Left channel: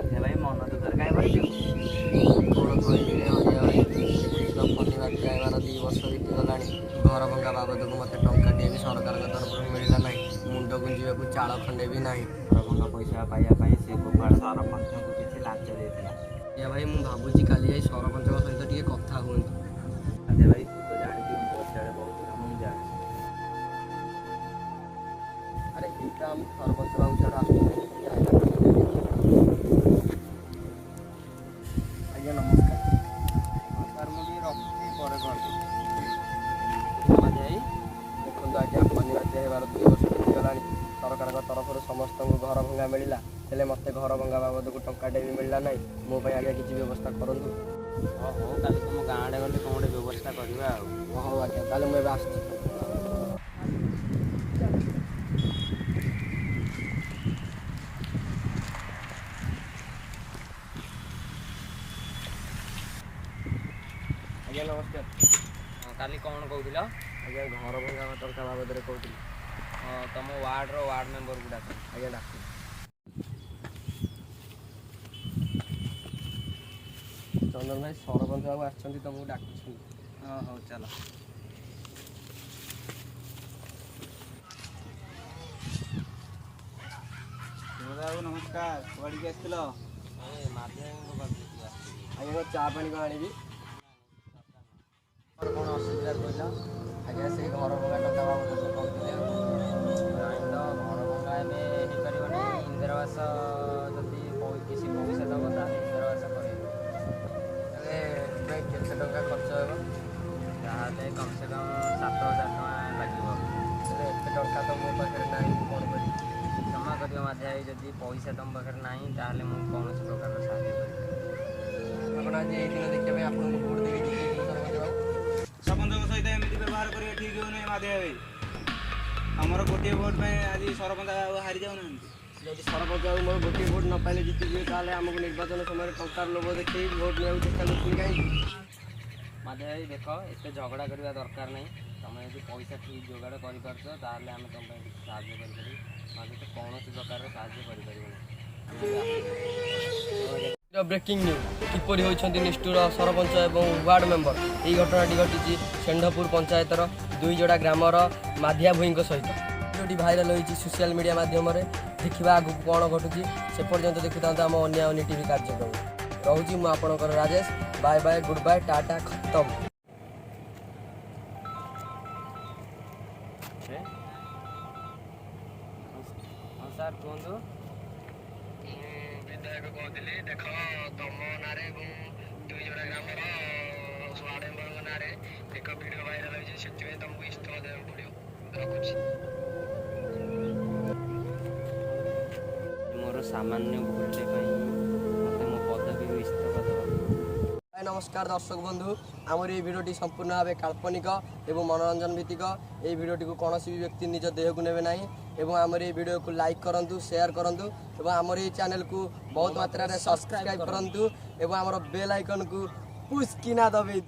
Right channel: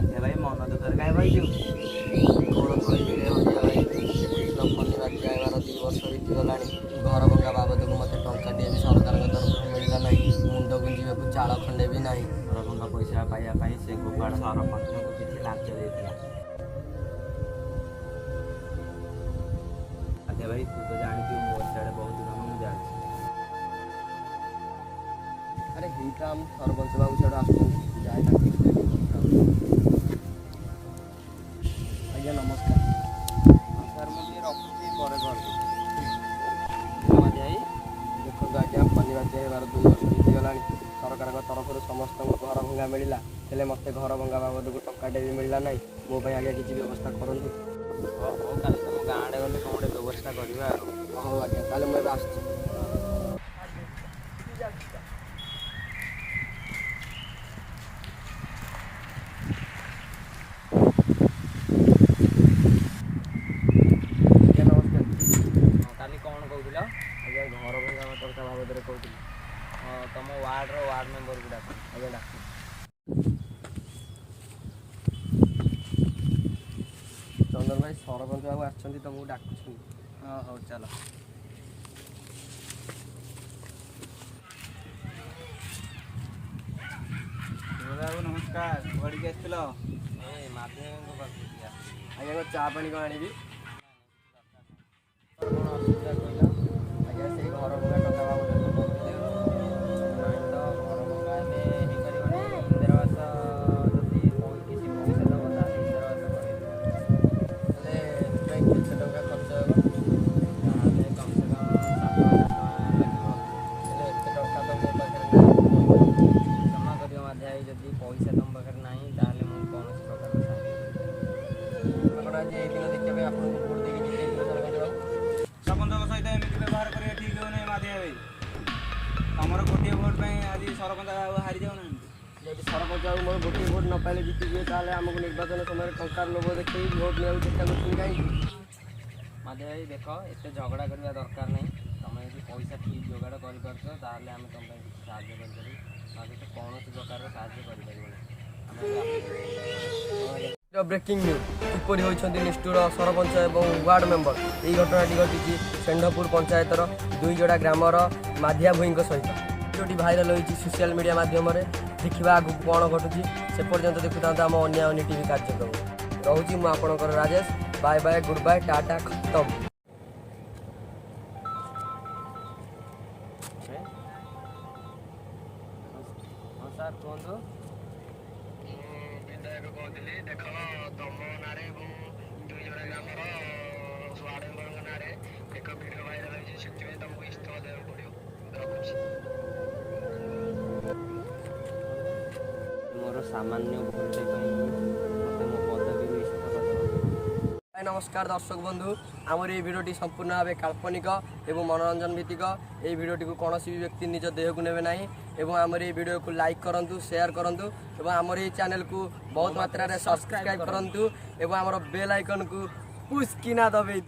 बाध्य भाई मन दुखर कहीं भाई कौन फनी बाध्य आवार 2 वर्ष बीतीगला घर भंगा बाबद को मत टाटे भी सरकार तरफ मिलला ना मुंड गुंजा को चाल खंडे भी ना घर भंगा पैसा पाइबापी से गोपाल सरपंच को किसी लाच देता भाई मुझे भावुँ काली जाई सरपंच सहित टे कथा हूँ बाध्य भाई तू तो जानी मो सियाड़े बहुत काम मुझे जानी अरे हिता हम सरपंच बाबू सियाड़े आज्ञा नमस्कार हाँ सर मुझे रखुच्छी पर जाई देखो आज्ञा फनी बाध्य होवार 2 वर्ष बीतीगला सरकार तरफ समस्त घर भंगा मिलला हेले मत घर भंगा बाबद को टंकाटे भी मिलला ना मो आगे किसी व्यवस्था करूँ हाँ हूँ कल तुम गाँव आड़े गले कौन गोटे व्यवस्था करवा हाँ आज्ञा ताले मुझे आस काली कौन कहूल आज्ञा घर भंगा टंका बाबद कहती हाँ तुम वार्ड मेम्बर को डाक आज्ञा डाक चंदन भाई सरपंच बाबू आमको डाक हाँ हौ चल बाबू नमस्कार कौड़ी आसल आज्ञा चा पानी कौन आनी कौन असुविधा कहला आज्ञा से घर भंगा टंका बाबद कहते नाई तो घर भंगा होपारे इंदिरावास जदि किसी पैसा दब ताले इंदिरावास कर केते टंका खर्च हो कम से कम 7,000 टका लगे एत टंका तो मो पाखे ना क्षमा कर माध्या जदि पैसा तुम पाखे ना ताले मुझे कौन प्रकार साहय कर आज ये दिन देखिए आपको भोट देगी सरपंच सहित एमती व्यवहार करेंगे ठीक हो नहीं माध्या भाई आमर गोटे भोट में आज सरपंच हारी जाऊना जब सरपंच बाबू मोर गोटे भोट न पाइले जीतिए ताले आमको निर्वाचन समय टंकार लोभ देखिए भोट नहीं चेष्टा कर कहीं माध्या भाई देख एत झगड़ा करवा दरकार नहीं तुम यदि पैसा ठीक जोगाड़ कर आम तुम किसी साहय कर कौन प्रकार साहय कर ब्रेकिंग न्यूज किपरि होइछन्ति निष्ठुर सरपंच एवं वार्ड मेंबर यही घटनाटी घटी चेंडपुर पंचायतर 2 जोड़ा ग्रामर माधिया भूई सहित भिडियोटी भाइराल होती सोशल मीडिया मध्यम देखा आगे कौन घटुची से पर्यंत देखुता आम अन्य टीवी कार्यक्रम रोची मुझे Rajesh bye bye goodbye tata खत्म हाँ सर कहतु विधायक कहती देख तुम ना 2 जोड़ा ग्रामर वार्ड मेंबर ना एक वीडियो भाइराल होती से तुमको इस्तीफा देवाक पड़ो रखुच्छी मोर सामान्य भूलटे मत मो पदवी इस्तीफा देवा नमस्कार दर्शक बंधु आमर ये भिडियोटी संपूर्ण भाव काल्पनिक एवं मनोरंजन भित्तिक ये भिडियोटी को कौन भी व्यक्ति निज देह को नेबे नहीं एवं आमर ये भिडियो को लाइक करूँ शेयर करूँ एवं आमर ये चैनल को बहुत मात्रा रे सब्सक्राइब करूँ एवं आमर बेल आइकन को पुश किना दबे।